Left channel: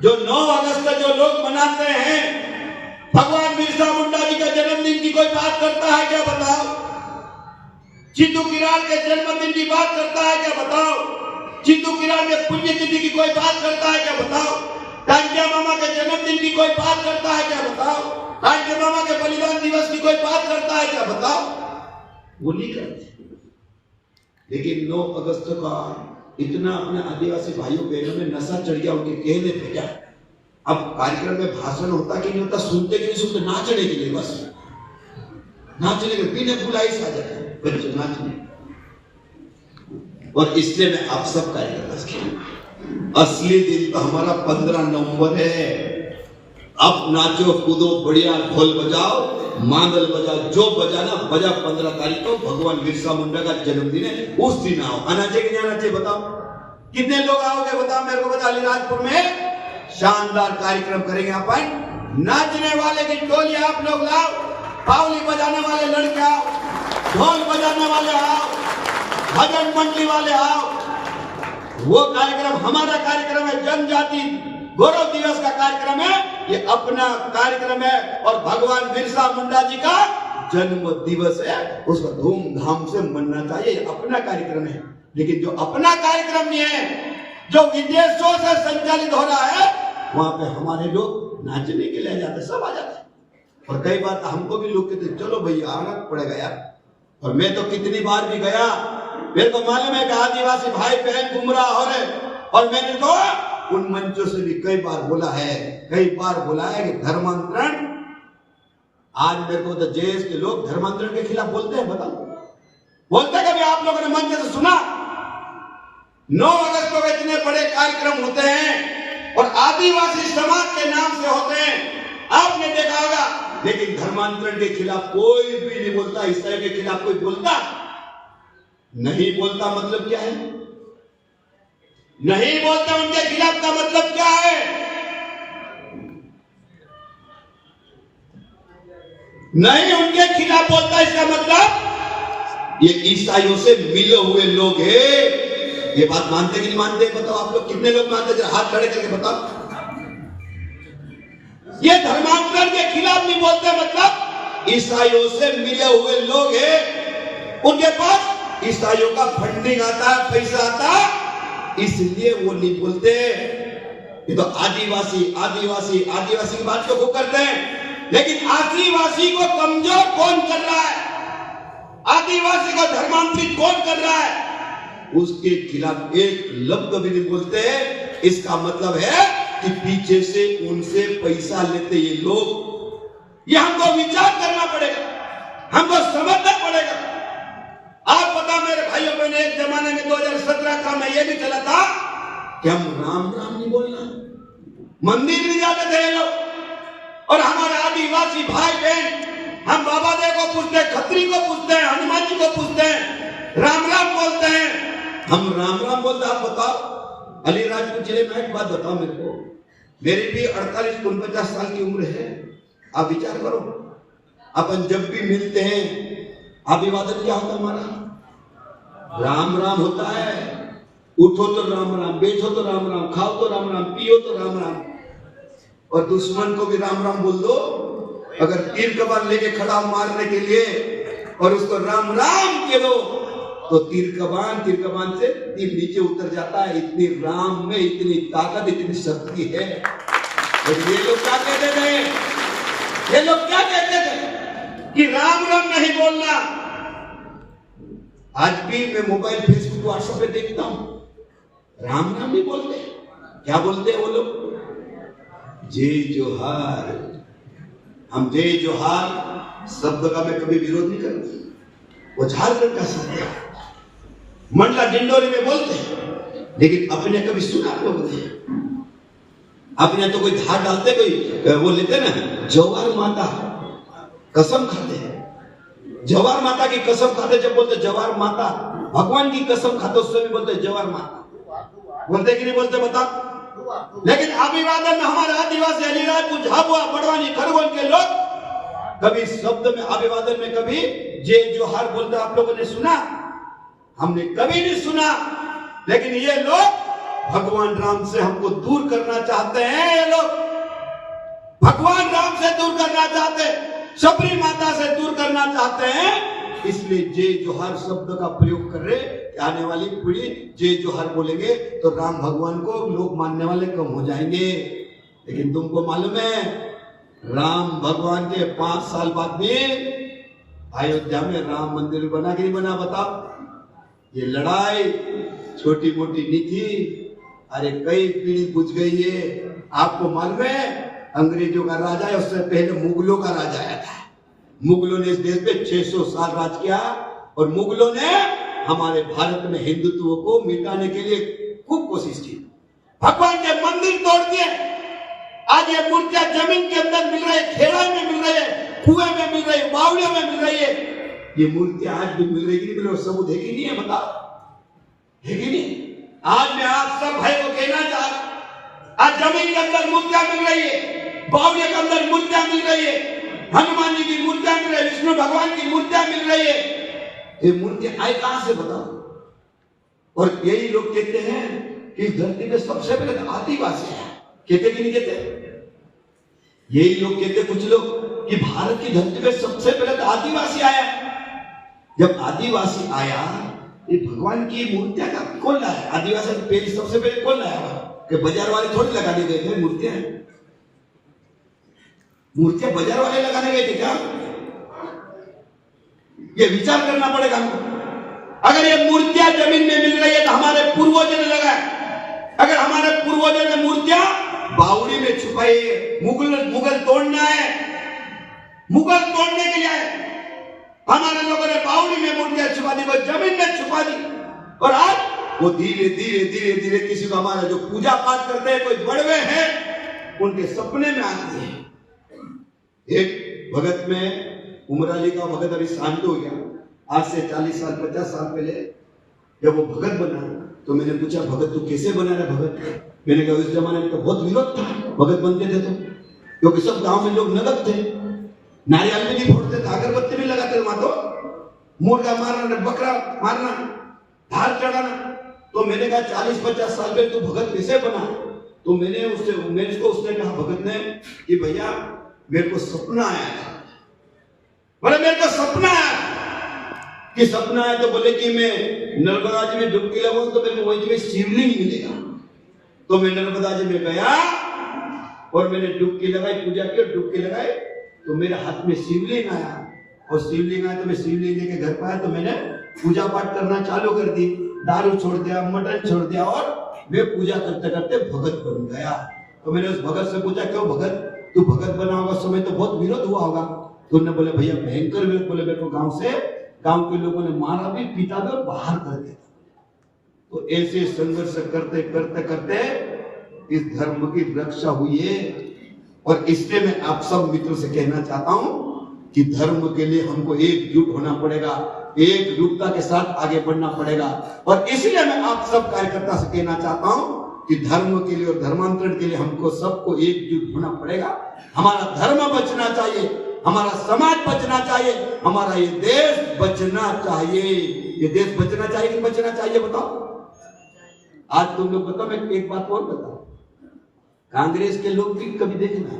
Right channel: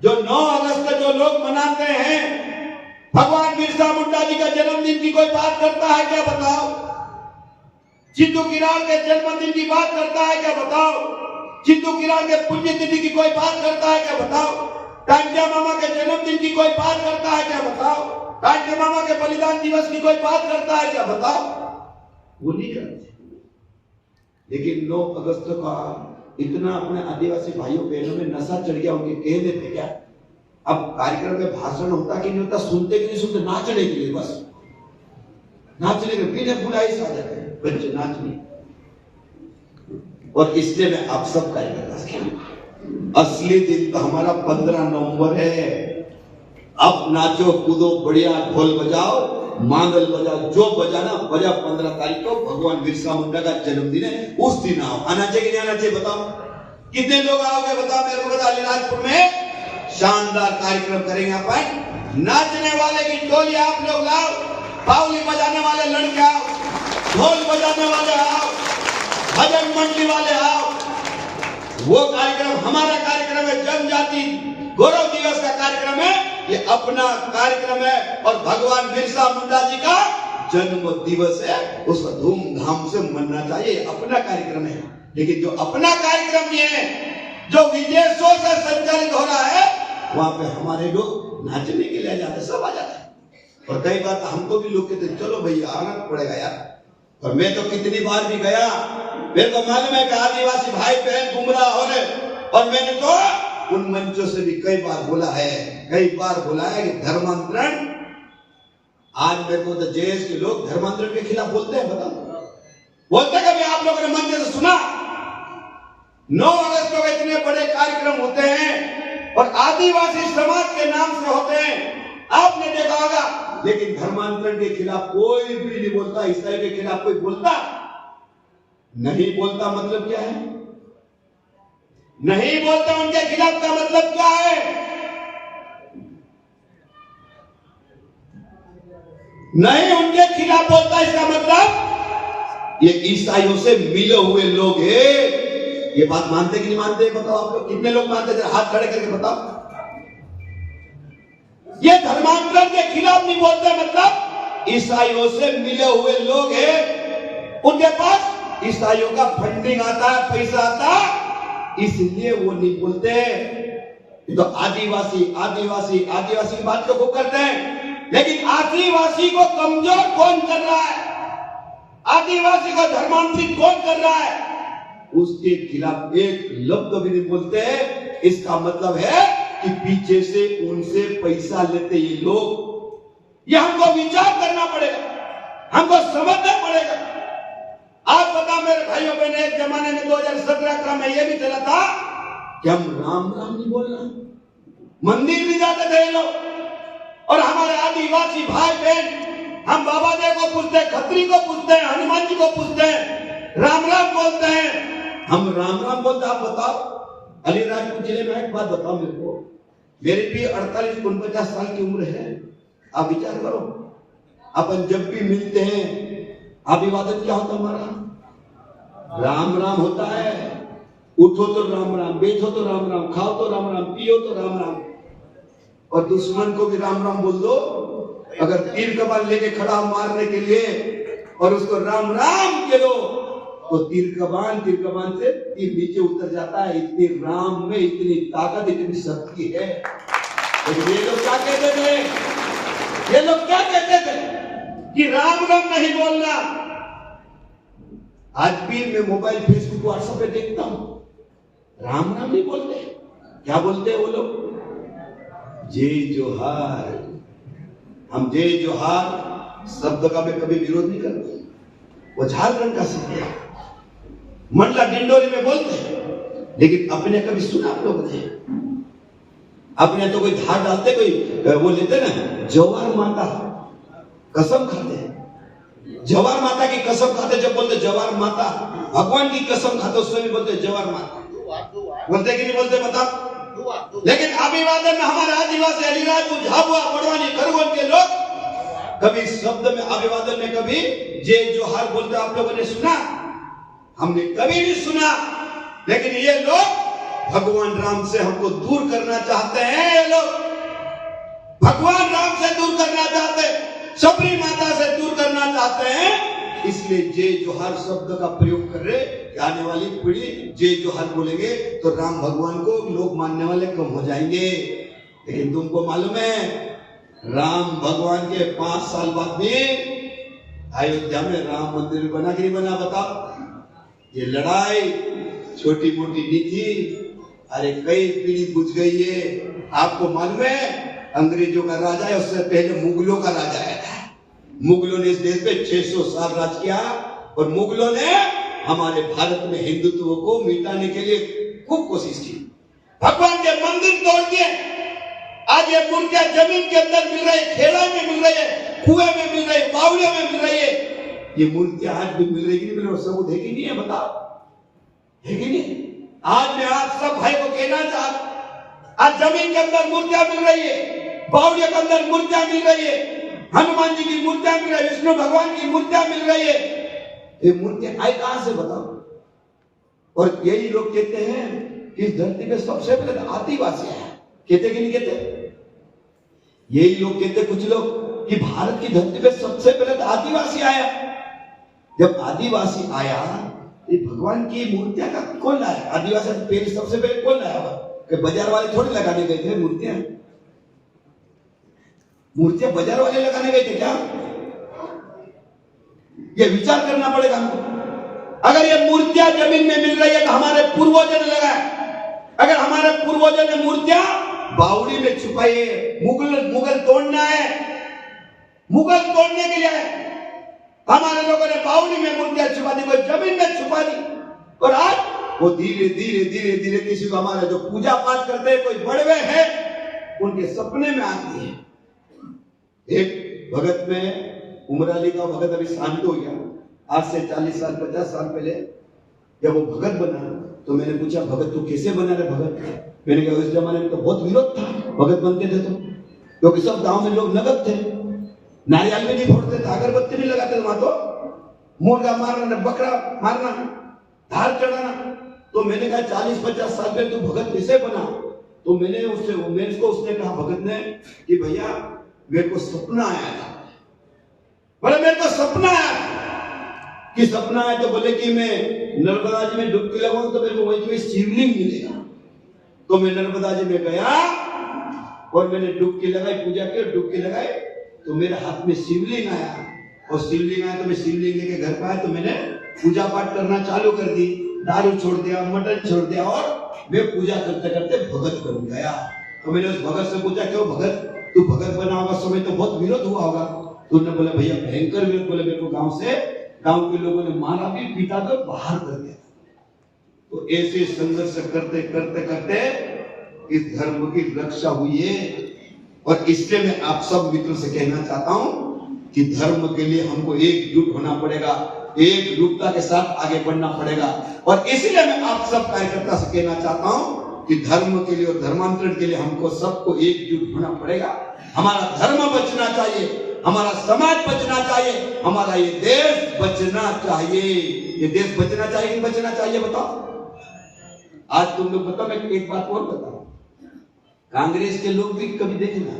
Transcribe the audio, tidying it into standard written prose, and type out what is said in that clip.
जो 9 अगस्त जो लोग मनाते हैं, भगवान बिरसा मुंडा जी के जन्मदिन की कोई बात करता है क्या बताओ? चित्तू किराड़ के जन्मदिन की बात करता है क्या बताओ? चित्तू किराड़ के पुण्यतिथि की कोई बात करता है क्या बताओ? कांचा मामा के जन्मदिन की कोई बात करता है क्या बताओ? कांचा मामा के बलिदान दिवस की कोई बात करता है क्या बताओ? वो नहीं करते। लेकिन 9 अगस्त का इतना अपने आदिवासी भाइयों बहनों में नशा चढ़ गया, उनके कहने पे क्या। अब कार्यक्रम में भाषण होता कि नहीं होता, सुनते कि नहीं सुनते, नाचने के लिए, बस नाचने के बिना बुलाई से आ जाते हैं बच्चे नाचने। और इसलिए मैं आप सब कार्यक्रम, असली दिन तो हमारा 15 नवंबर है। अब नाचो कूदो बढ़िया, ढोल बजाओ, मांदल बजाओ, जो बजाना बजा। 15 तारीख को भगवान बिरसा मुंडा का जन्मदिन है, उस दिन आओ। आना चाहिए कि नहीं आना चाहिए बताओ? कितने लोग आओगे बताओ मेरे को? बता, अलीराजपुर में शानदार कार्यक्रम करेंगे अपन। नाचने वाले की टोली आप लोग लाओ, बावली बजाने वाले लड़के आओ, ढोल बजाने वाले आओ, भजन मंडली वाले आओ। वो कार्यक्रम हमारा कार्यक्रम है, जनजाति गौरव दिवस का कार्यक्रम है, ये अपना कार्यक्रम है। और भगवान बिरसा मुंडा जी का जन्म दिवस है, उसका धूमधाम से मनना चाहिए, अपना कार्यक्रम है। लेकिन जो अपना कार्यक्रम नहीं है, जो विदेशों से संचालित हो रहा है, वहां पे हमारे लोग नाचने के लिए जाते, सब आ जाते हैं। और कई बार हमको भी लोग कहते चलो भैया आना पड़ेगा यार। और मैं तो कितनी बार भी गया, मेरे को मालूम है कि आदिवासी भाई बहन गुमराह हो रहे, और मैंने तो उन मंचों से भी कई बार बोला है कि धर्मांतरण। आज मेरे को तो जेएस के लोग धर्मांतरण के खिलाफ बोलते हैं, बोलते कभी आप लोगों ने मंच से सुना? 9 अगस्त को इतने बड़े कार्यक्रम होते हैं और आदिवासी समाज के नाम से होते हैं, आपने देखा होगा। लेकिन धर्मांतरण के खिलाफ कोई भी नहीं बोलता, ईसाई के खिलाफ कोई बोलता नहीं। बोलता मतलब क्या है? नहीं बोलता उनके खिलाफ का मतलब क्या है? नहीं उनके खिलाफ बोलता, इसका मतलब ये ईसाइयों से मिले हुए लोग हैं। ये बात मानते कि नहीं मानते बताओ? आप लोग कितने लोग मानते हैं? हाथ खड़े करके बताओ। ये धर्मांतरण के खिलाफ नहीं बोलते, मतलब ईसाइयों से मिले हुए लोग हैं, उनके पास ईसाइयों का फंडिंग आता है, पैसा आता है, इसलिए वो नहीं बोलते। ये तो आदिवासी की बात को करते हैं। लेकिन आदिवासी को कमजोर कौन कर रहा है? आदिवासी को धर्मांतरित कौन कर रहा है? उसके खिलाफ एक लफ्ज भी नहीं बोलते। इसका मतलब है कि पीछे से उनसे पैसा लेते ये लोग। ये हमको विचार करना पड़ेगा, हमको समझना पड़ेगा। आप बता मेरे भाइयों बहनों, एक जमाने में 2017 का मैं ये भी चला था कि हम राम राम नहीं बोलना, मंदिर नहीं जाते थे लोग। और हमारे आदिवासी भाई बहन, हम बाबा देव को पूछते हैं, खत्री को पूछते हैं, हनुमान जी को पूछते हैं, राम राम बोलते हैं। हम राम राम बोलते। आप बताओ अलीराजपुर जिले में एक बात बताओ मेरे को, मेरी भी 48-49 साल की उम्र है। आप विचार करो, अपन जब भी मिलते हैं अभिवादन क्या होता हमारा? राम राम होता है। उठो तो राम राम, बैठो तो राम राम, खाओ तो राम राम, पियो तो राम राम। और दुश्मन को भी राम राम बोल दो। अगर तीर कमान लेके खड़ा मारने के लिए और उसको राम राम कह दो, तो तीर कमान से तीर नीचे उतर जाता है। इतनी राम में इतनी ताकत, इतनी शक्ति है। और ये लोग क्या कहते थे? ये लोग क्या कहते थे कि राम राम नहीं बोलना। आज भी मैं मोबाइल, फेसबुक, व्हाट्सएप पे देखता हूं, राम राम नहीं बोलते। क्या बोलते वो लोग? जय जोहार। हम जय जोहार शब्द का मैं कभी विरोध नहीं करता, वो झारखंड का शब्द है, मंडला डिंडोरी में बोलते हैं। लेकिन अपने कभी सुना बोलते हैं? अपने तो कोई धार डालते, कोई वो लेते ना, जवार माता कसम खाते हैं, जवार माता की कसम खाते। जब बोलते जवार माता, भगवान की कसम खाते, उसमें भी बोलते जवार माता। बोलते कि नहीं बोलते बताओ? लेकिन अभिवादन में हमारे आदिवासी, अलीराजपुर, झाबुआ, बड़वानी, खरगोन के लोग कभी शब्द में, अभिवादन में कभी जय जोहार बोलते आप लोगों ने सुना? हमने कभी नहीं सुना। लेकिन ये लोग भगवान राम से हमको दूर करना चाहते हैं। भगवान राम से दूर करना चाहते हैं, सबरी माता से दूर करना चाहते हैं। इसलिए जय जोहार शब्द का प्रयोग कर रहे, आने वाली पीढ़ी जय जोहार बोलेंगे तो राम भगवान को लोग मानने वाले कम हो जाएंगे। लेकिन तुमको मालूम है राम भगवान के 5 साल बाद में अयोध्या में राम मंदिर बना कि नहीं बना, बताओ। ये लड़ाई छोटी मोटी नहीं थी, अरे कई पीढ़ी बुझ गई है। आपको मालूम है अंग्रेजों का राजा है, उससे पहले मुगलों का राजा आया था। मुगलों ने इस देश पे 600 साल राज किया और मुगलों ने हमारे भारत में हिंदुत्व को मिटाने के लिए खूब कोशिश की। भगवान के मंदिर तोड़ दिए। आज ये मूर्तियां जमीन के अंदर मिल रही है, खेड़ा में मिल रही है, कुएं में मिल रही है, बावड़ियों में मिल रही है। ये मूर्तियां आज भी मिल रही है कि नहीं मिल रही, सबूत है कि नहीं है, बताओ है कि नहीं। आज मैं आप सब भाई को कहना चाहता, आज जमीन के अंदर मूर्तियां मिल रही है, बावड़ियों के अंदर मूर्तियां मिल रही है, हनुमान जी की मूर्तियां मिल रही है, विष्णु भगवान की मूर्तियां मिल रही है। ये मूर्तियां आई कहां से, बताओ। और यही लोग कहते हैं कि धरती में सबसे पहले आदिवासी है, कहते कि नहीं कहते। यही लोग कहते कुछ लोग कि भारत की धरती में सबसे पहले आदिवासी आया। जब आदिवासी आया ये भगवान की मूर्तियां का कौन लाया, आदिवासी पहले सबसे पहले कौन लाया, कि बाजार वाले थोड़ी लगाने गए थे मूर्तियां। मूर्तियां बाजार वाले लगाने गए थे क्या, ये विचार करना पड़ेगा हमको। अगर ये मूर्तियां जमीन में मिल रही है तो हमारे पूर्वजों ने लगाया। अगर हमारे पूर्वजों ने मूर्तियां बावड़ी में छुपाई है, मुगल तोड़ना है, मुगल तोड़ने के लिए हमारे लोगों ने बावड़ी में मूर्तियां छुपा दी, वो जमीन में छुपा दी। और आज वो धीरे धीरे धीरे धीरे किसी को हमारे जो पूजा पाठ करते हैं, कोई बड़वे हैं, उनके सपने में आती है। एक भगत में उमराली का भगत अभी शांत हो गया। आज से 40 साल 50 साल पहले जब वो भगत बना तो मैंने पूछा, भगत तू कैसे बना रहा भगत। मैंने कहा उस जमाने में तो बहुत विरोध था भगत बनते थे तो, क्योंकि सब गांव में लोग नगद थे, नारियल भी नहीं फोड़ते थे, अगरबत्ती नहीं लगाते, वहां तो मुर्गा मारना, बकरा मारना, धार चढ़ाना। तो मैंने कहा 40-50 साल पहले तू भगत कैसे बना। तो मैंने उसने कहा भगत ने कि भैया मेरे को सपना आया था। बोले मेरे को सपना आया कि सपना है तो बोले कि मैं नर्मदा जी में डुबकी लगाऊं तो मेरे को वही जगह शिवलिंग मिलेगा। तो मैं नर्मदा जी में गया और मैंने डुबकी लगाई, पूजा की, डुबकी लगाई तो मेरे हाथ में शिवलिंग आया। और शिवलिंग आया तो मैं शिवलिंग लेके घर पर आया तो मैंने पूजा पाठ करना चालू कर दी, दारू छोड़ दिया, मटन छोड़ दिया और मैं पूजा करते करते भगत बन गया। तो मैंने उस भगत से पूछा, क्यों भगत तू भगत बना होगा, समय तो बहुत विरोध हुआ होगा। तो उन्होंने बोला भैया भयंकर विरोध। बोले मेरे को गांव के लोगों ने मारा भी, पीटा भी और बाहर कर दिया। तो ऐसे संघर्ष करते करते करते इस धर्म की रक्षा हुई है। और इसलिए मैं आप सब मित्रों से कहना चाहता हूं कि धर्म के लिए हमको एकजुट होना पड़ेगा, एकजुटता के साथ आगे बढ़ना पड़ेगा। और इसलिए मैं आप सब कार्यकर्ता से कहना चाहता हूं कि धर्म के लिए और धर्मांतरण के लिए हमको सबको एकजुट होना पड़ेगा। हमारा धर्म बचना चाहिए, हमारा समाज बचना चाहिए, हमारा ये देश बचना चाहिए। ये देश बचना चाहिए कि बचना चाहिए, बताओ। आज तुम लोग बताओ, मैं एक बात और बताऊं, कांग्रेस के लोग भी कभी देखना